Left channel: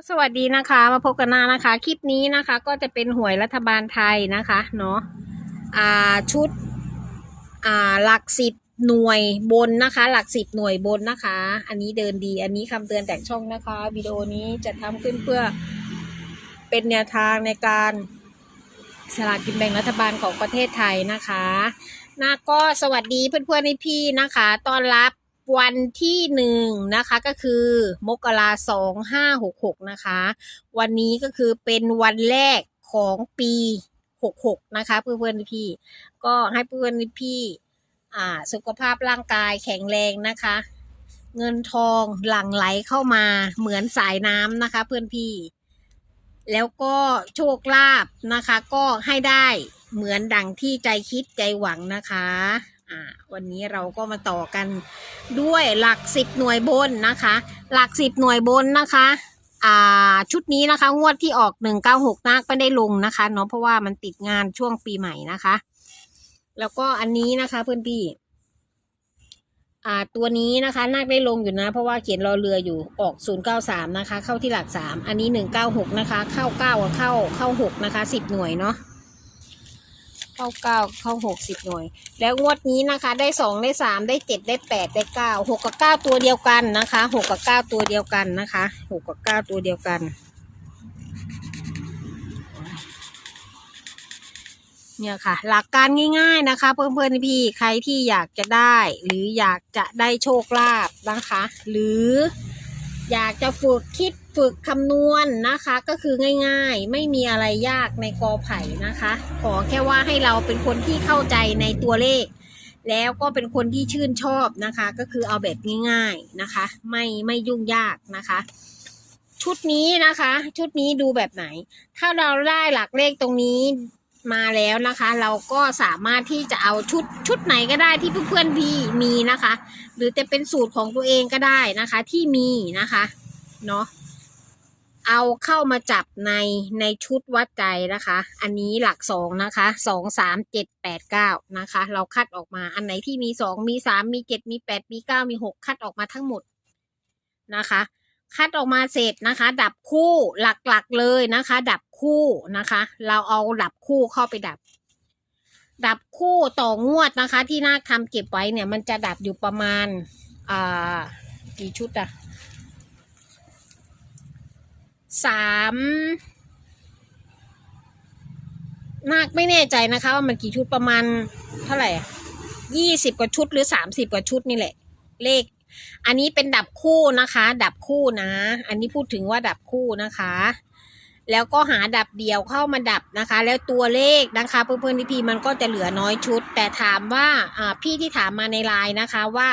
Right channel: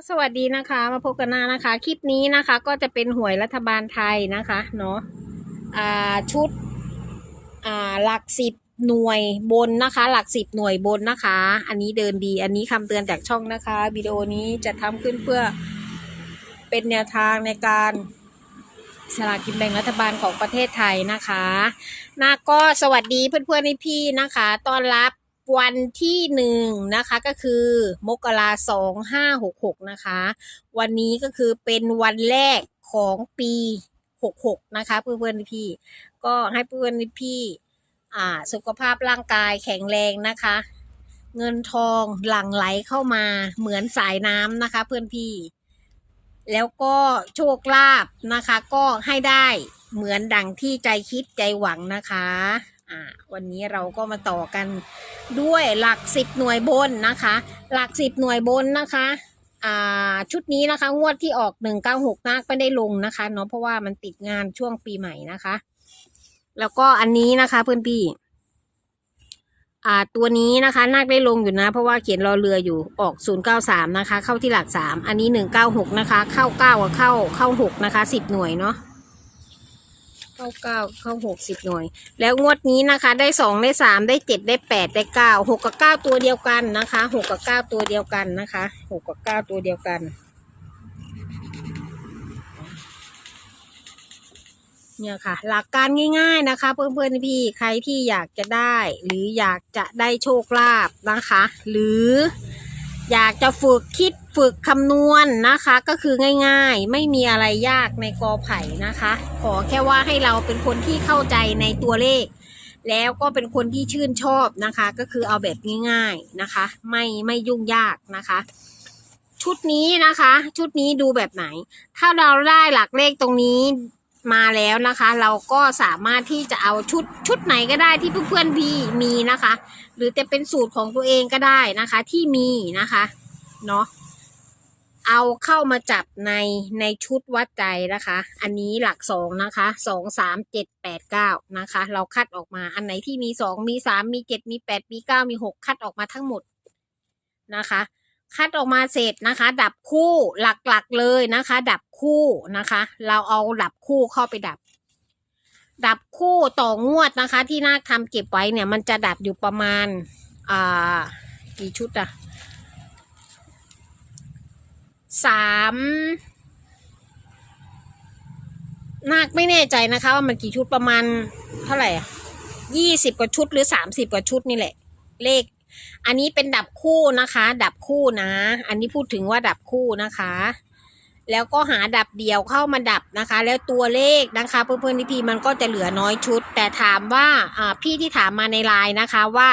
ก็สวัสดีนะคะ มาพบกันหน้านะคะ คลิปนี้นะคะ ก็จะเป็นหวยรัฐบาลไทยนะคะเนาะอ่าชุดอ่าหลักสิบหน่วยบนนะคะ หลักสิบหน่วยบนนะคะ อันนี้เดินดี อันนี้คำเตือนจากช่องนะคะวิดีโอนี้จะทำขึ้นเพื่อเป็นแนวทางในการสลากกินแบ่งรัฐบาลของประเทศไทยนะคะนาก็สวัสดีเพื่อนๆในพี่นะคะ ต้อนรับ วันที่หนึ่งนะคะก็คือมกราสองห้าหกหกนะคะ วันนี้ก็คือเป็นวันแรกของปีหกหกนะคะ เพื่อนๆพี่ ก็ให้เพื่อนๆพี่อ่าสุขภาพร่างกายแข็งแรงนะคะ เงินทองหลั่งไหลเข้ามาเหมือนสายน้ำนะคะ เพื่อนพี่ แล้วก็โชคลาภนะคะ ก็ให้ได้เหมือนดังที่ใจคิดใจหวังนะคะ วันนี้เราก็มาต่อกันด้วยหลักสิบหน่วยบนนะคะ หลักสิบหน่วยบนนะคะชุดนี้นะคะงวดที่ออกหนึ่งเก้าหกนักไม่ได้ลงนะคะเนาะเพราะว่ามันติดงานช่วงปีใหม่นะคะ แล้วก็อันนี้นะคะเพื่อนพี่ตัวนี้นะคะนาคได้ลงอยู่นะ เพราะว่าเขียนรอเรืออยู่ออกศูนย์เก้าสามนะคะ เข้าที่หลักสามอันนี้หนึ่งเก้าหกนะคะ เข้าเก้ากับเข้าเข้าหกนะคะสิบหน่วยเนาะ เข้าเก้าเข้าหกสิบหน่วย แล้วงวดนี้นะคะ ได้สองได้สามได้เจ็ดได้แปดได้เก้าหกกับเก้าตัวเดียวกันนะคะหกกับเก้าตัวเดียวกันนะคะหกกับเก้าตัวเดียวกันเนี่ยค่ะ หลักการง่ายๆนะคะ เพื่อนๆพี่ใครที่อยากจะได้ หรืออยากจะได้โชคลาภนะคะ หรือ อยากจะฝึกคิดฝึกคำนวณนะคะ ก็คือง่ายๆ ไม่มีอะไรยากในกอไผ่นะคะ ขอแค่ว่าให้เราเป็นคนที่เข้าใจในตัวเลข แล้วก็เป็นคนที่ชื่นชอบนะคะ ก็คือเอาแบบง่ายๆนะคะ ไม่ไม่ยุ่งยากนะคะ ชุดนี้นะคะ ชุดนี้ดูแบบไหน ถ้าเราได้หลักเลขตรงนี้ มาแล้วนะคะ เราก็สามารถที่จะเอาชุดชุดไหนก็ได้ที่เพื่อนๆพี่มีนะคะ หรือจะเป็นสูตรของตัวเองก็ได้นะคะที่มีนะคะเนาะเอาเข้ามาจับในในชุดวัดใจนะคะ อันนี้หลักสองนะคะสองสามเจ็ดแปดเก้านะคะ เราคัดออกมาอันไหนที่มีสองมีสามมีเจ็ดมีแปดมีเก้ามีหกคัดออกมาทั้งหมดนะคะ คัดออกมาเสร็จนะคะ ดับคู่หลักๆเลยนะคะ ดับคู่นะคะ เราเอาดับคู่เข้าไปดับ ดับคู่ต่องวดนะคะ ที่นาคทำเก็บไว้เนี่ย มันจะดับอยู่ประมาณอ่ากี่ชุดอะสามนาคไม่แน่ใจนะคะ ว่ามันกี่ชุดประมาณเท่าไหร่อะยี่สิบกว่าชุดหรือสามสิบกว่าชุดนี่แหละ เลข อันนี้เป็นดับคู่นะคะ ดับคู่นะ อันนี้พูดถึงว่าดับคู่นะคะ แล้วก็หาดับเดียวเข้ามาดับนะคะ แล้วตัวเลขนะคะ เพื่อนๆพี่มันก็จะเหลือน้อยชุด แต่ถามว่าอ่าพี่ที่ถามมาในไลน์นะคะว่า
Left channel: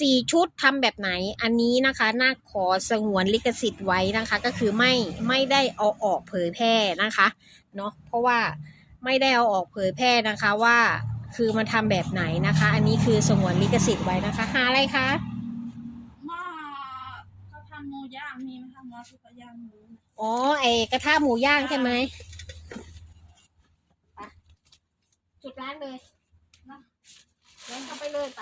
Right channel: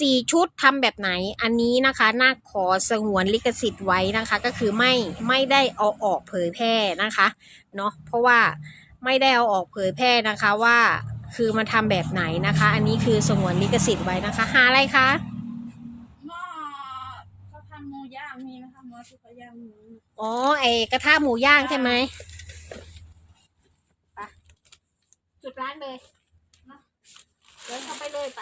สี่ชุดทำแบบไหนอันนี้นะคะน่าขอสงวนลิขสิทธิ์ไว้นะคะ ก็คือไม่ไม่ได้เอาออกเผยแพร่นะคะเนาะเพราะว่าไม่ได้เอาออกเผยแพร่นะคะว่าคือมันทำแบบไหนนะคะ อันนี้คือสงวนลิขสิทธิ์ไว้นะคะหาอะไรคะ หม้อเขาทำหมูย่างมีไหมคะหม้อที่เขาย่างหมู อ๋อ ไอกระทะหมูย่างใช่ไหมไจุดร้านเลยเนาะเดินเข้าไปเลยไป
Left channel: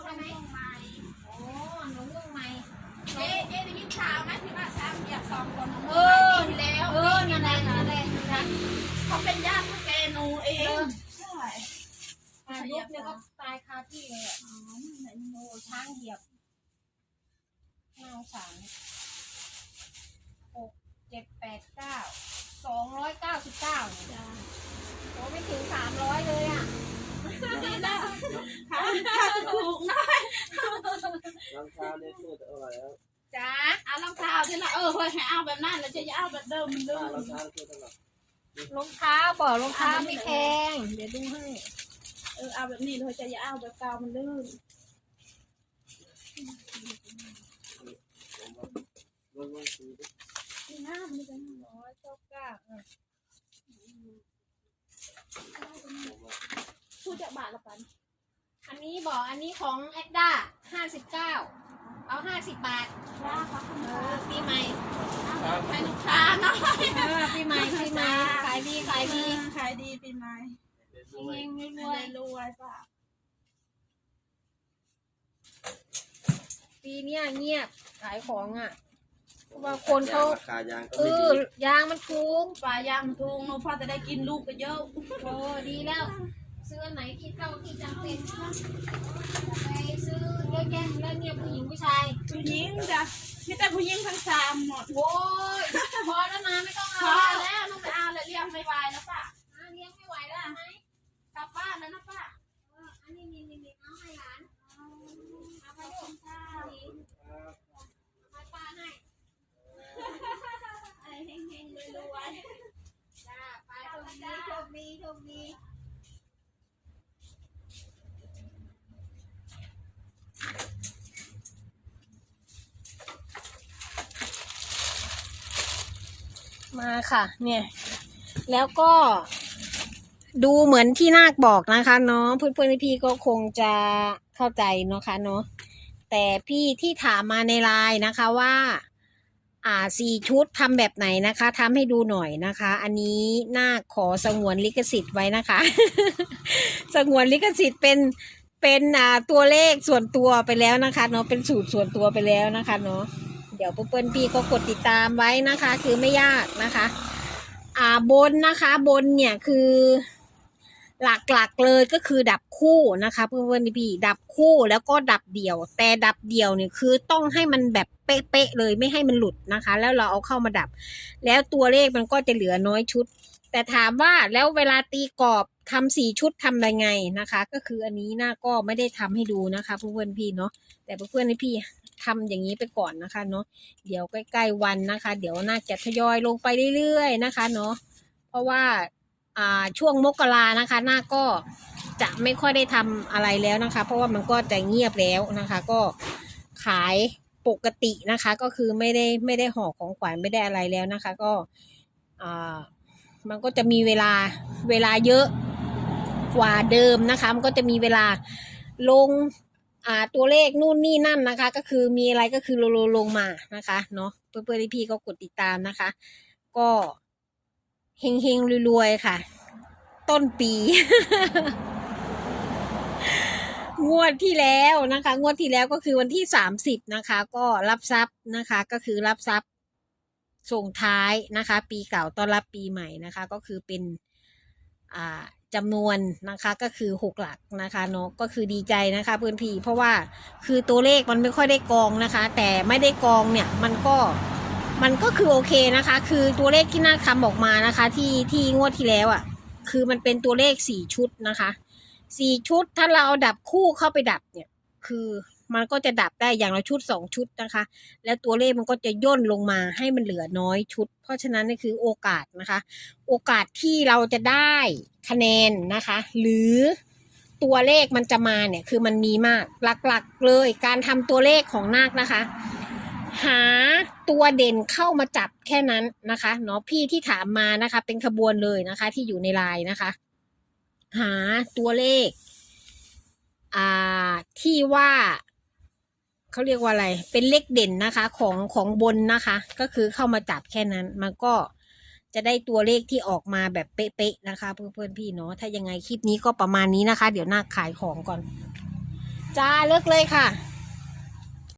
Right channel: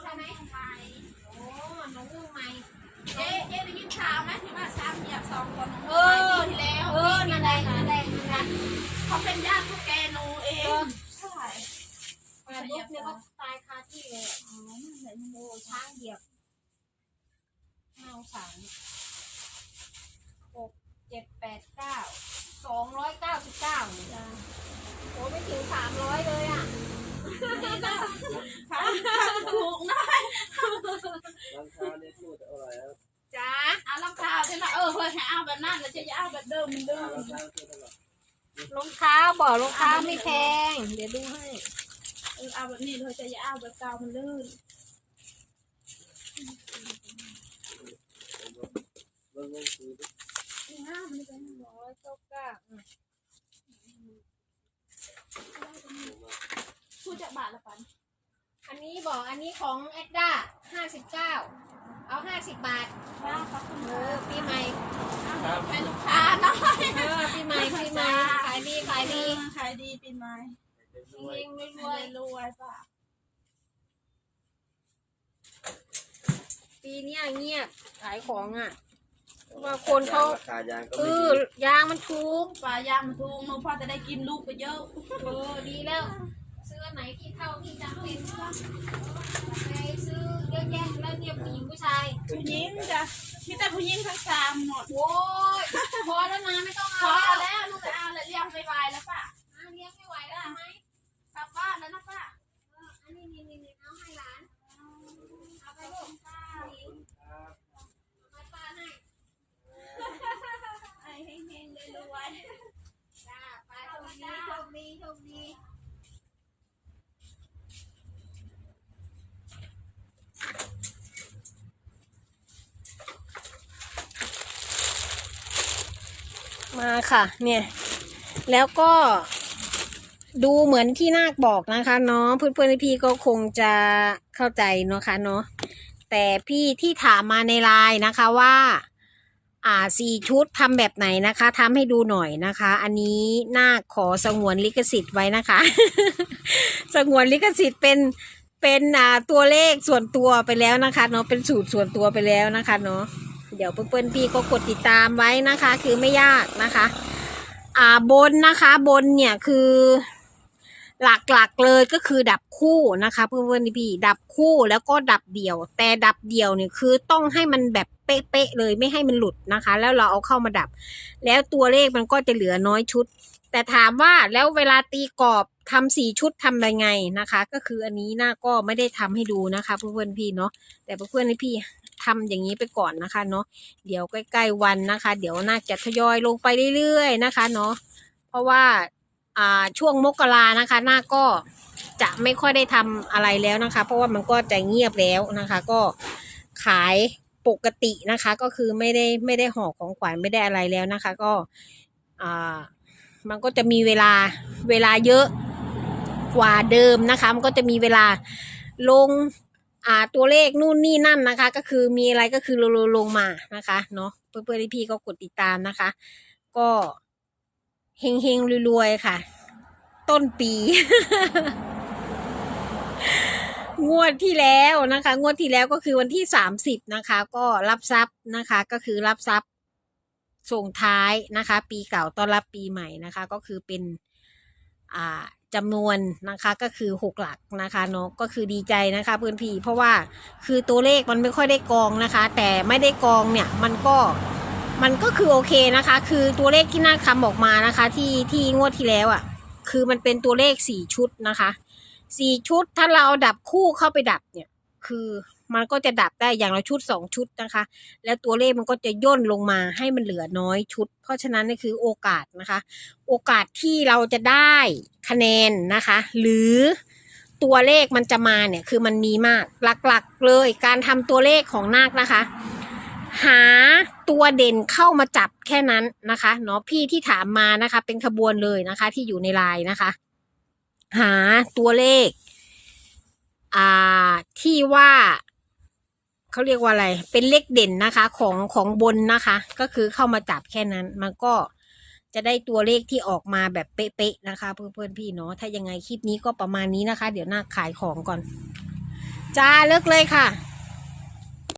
ใช่ไหมโอ้น้องเรื่องไหมเอ๊เอ๊ได้ยินข่าวไหมที่ว่าช้ามเหยียบสองคนเออ รองเท้าเนี่ยพูดอร่อยแล้วจ้าเอารองเท้าที่ละเออเฮ้ยให้เอาแบบนั้นแล้วจะอย่าเอาแบบเดิมมันเดิมรองเท้าพูดอร่อยรองเท้าบอกรองเท้าไม่แพงเดี๋ยวดูให้เออเอาแบบนี้เลยจะอย่าเอาแบบเก่ามันลื่นผมว่าลงลงซื้อดินี่ห้ามันเป็นสองร้อยเก้าเก้าอะผมว่าผู้จะบาทละปันอันนี้บอกอันนี้ของแอดด้า ห้าสิบเก้าเอาห้าสิบบาทว่าครับคุณเอค่ะอปีใหม่ครับเป็นลูกค้าเนาะเออปีใหม่ปีใหม่ขายดีขายดีขายดีปีใหม่เป็นเฮด้วยงๆรไม่วยได้รวยป่ะๆปีเนี้ยเงียบขายของอะเพราะว่าคนเขาราคายางก็เอไม่อดียางมันถูกปลายางทุงหนูพ่อจะได้กินลูกไปเยอะ โอ้ดีแล้ว ซื้ออันไหนที่เท่าที่จำเป็นไปซื้อเยอะแยะแล้วเนี่ยผู้หญิง ผู้ชายผู้หญิงจ้ะมีแต่ผู้หญิงทั้งสามหมดโว้ยพอแล้วนะไม่ต้องพเอาอแล้วแล้วหนูไปเอาแล้วเลี้ยงไม่ไหวแล้วป่ะอะเลี้ยงไม่ไหวแล้วไหมกลับบ้านแล้วนะป้า เอออันนี้นี่นี่นี่เอาให้หลาน เอาไปลูกข้า ครับ เอาไปป้าให้ ไอ้เฮงๆรวย จ้าไปโชคดีโชคดีโชคดี มาค่ะ เนี่ย แล้วก็ดูเหมือนที่นาคบอกนะคะเนาะเพื่อนๆพี่ก็คงจะเข้าใจเนาะคะเนาะแต่พี่ที่ถามมาในไลน์นะคะว่า อ่าสี่ชุดทำแบบไหนนะคะทำให้ดูหน่อยนะคะ อันนี้นาคขอสงวนลิขสิทธิ์ไว้นะคะ สงวนลิขสิทธิ์เป็นเป็นอ่าตัวเลขส่วนตัวไปแล้วนะคะเนาะเป็นสูตรส่วนตัวไปแล้วนะคะเนาะ เดี๋ยวเพื่อนๆพี่ก็กดติดตามไว้นะคะ คือไม่ยากนะคะ อ่าบนนะคะบนเนี่ยคือ หลักๆเลยก็คือดับคู่นะคะ เพื่อนๆพี่ดับคู่แล้วก็ดับเดี่ยว แต่ดับเดี่ยวเนี่ยคือต้องให้มันแบบเป๊ะๆเลยไม่ให้มันหลุดนะคะ แล้วเราเอาเข้ามาดับ แล้วตัวเลขมันก็จะเหลือน้อยชุด แต่ถามว่าแล้วเวลาตีกรอบทำสี่ชุดทำยังไงนะคะ ก็คืออันนี้น่าก็ไม่ได้ทำให้ดูนะคะ เพื่อนๆพี่เนาะแต่เพื่อนๆพี่ ทำอย่างนี้ไปก่อนนะคะเนาะเดี๋ยวใกล้ ๆ วันนะคะ เดี๋ยวน่าจะทยอยลงไปเรื่อยๆนะคะเนาะเพราะว่าอ่าช่วงมกรานะคะหน้าก็จะไม่ค่อยได้ทำอะไรแล้วนะคะ เพราะว่ามันก็จะเงียบแล้วนะคะ ก็ขายปกตินะคะ ก็คือไม่ได้ไม่ได้ห่อของขวัญไม่ได้อะไรแล้วนะคะ ก็อ่ามันก็จะมีเวลาเวลาเยอะกว่าเดิมนะคะ มันก็จะมีเวลาลง อ่าตัวเลขนู่นนี่นั่นนะคะ ก็คือมีอะไรก็คือลงลงมานะคะเนาะเพื่อนๆพี่ก็กดติดตามนะคะ ก็เฮงเฮงรวยๆค่ะ ต้นปี งวดที่แล้วนะคะ งวดที่แล้วก็คือวันที่สามสิบนะคะ ก็รับทรัพย์นะคะ ก็คือรับทรัพย์ส่งท้ายนะคะ ปีเก่าต้อนรับปีใหม่นะคะ ก็คือเป็นอ่า จำนวนนะคะก็คือหกหลักนะคะเนาะก็คือดีใจนะคะเพื่อนพี่เพราะว่าคือตัวเลขมันไม่ค่อยได้กองนะคะ แต่ไม่ได้กองเนี่ยมันก็มันก็คือโอเคนะคะ คือตัวเลขที่น่าคำออกมานะคะ ที่ที่งวดที่แล้วอะ่ะ คือมันเป็นตัวเลขสี่ชุดนะคะสี่ชุดถ้าเราเอาดับคู่เข้าไปดับเนี่ย คือ มันก็จะดับได้อย่างละชุดสองชุดนะคะ แล้วตัวเลขมันก็จะย่นลงมาให้มันเหลือน้อยชุด เพราะฉะนั้นนี่คือโอกาสนะคะ โอกาสที่เราจะได้คะแนนนะคะ หรือตัวเลขมันจะมาเนี่ยคือมันมีมากหลักๆเลยการทำตัวเลขของนาคนะคะ หาตัวเด่นเข้ามาจับแค่นั้นนะคะเนาะพี่ที่ถามมานะคะ เป็นขบวนเลยนะคะ ที่อยู่ในไลน์นะคะ หาตัวเลข อ่าที่ว่า เขาเรียกว่าอะไร เป็นเลขเด่นนะคะ ของของบนนะคะ ก็คือเข้ามาจับแค่นั้น มันก็จะได้ตัวเลขที่ออกมาแบบเป๊ะๆนะคะ เพื่อนๆพี่เนาะถ้ายังไงคลิปนี้ก็ประมาณนี้นะคะ เดี๋ยวหน้าขายของก่อน จ้าเลิกเลยค่ะ